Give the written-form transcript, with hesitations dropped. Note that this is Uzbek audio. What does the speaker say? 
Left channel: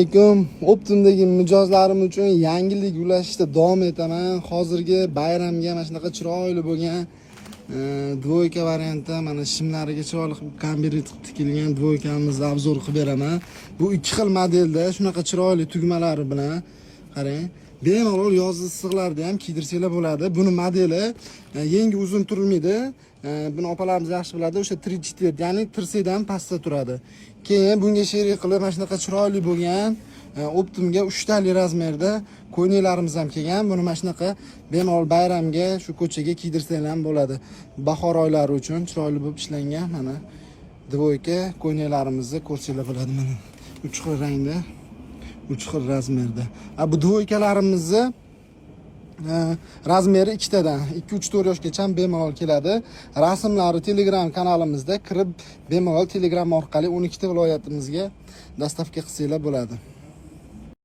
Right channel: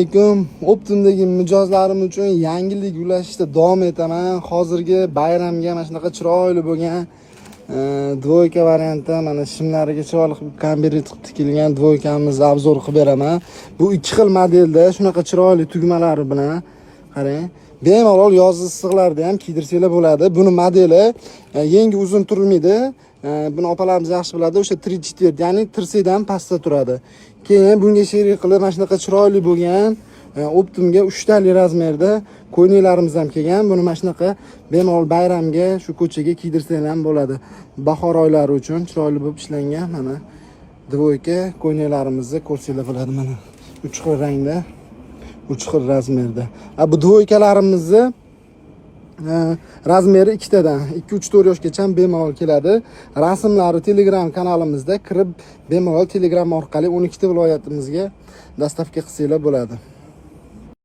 Assalomu alaykum. Optimdagi mijozlarim uchun yangilik ulashishda davom etaman. Hozirgi bayramga mana shunaqa chiroyli bo'lgan dvoyka variantda mana shimlariga chiroyli kombinat qilib tikilgan dvoykamizni obzor qilib beraman. Bu ikki xil modelda shunaqa chiroyli tugmalari bilan qarang. Bemalol yoz issiqlarda ham kiydirsanglar bo'ladi. Buni modeli yengi uzun turmaydi. Buni opalarimiz yaxshi biladi. O'sha 3-4, ya'ni tirsadan pastda turadi. Keyin bunga sherik qilib mana shunaqa chiroyli bo'lgan Optimga 3 tali razmerda ko'ylaklarimiz ham kelgan. Buni mana shunaqa bemalol bayramga shu ko'chaga kiydirsanglar ham bo'ladi. Bahor oylari uchun chiroyli bo'lib ishlangan mana dvoyka ko'ylaklarimizni ko'rsanglar bo'ladi mana. 3 xil rangda, 3 xil razmerda. Bu dvoykalarimizni razmeri ikkitadan 2-3-4 yoshgacha bemalol keladi. Rasmlari Telegram kanalimizda kirib bemalol Telegram orqali 12 ta viloyatimizga dostavka qilsanglar bo'ladi.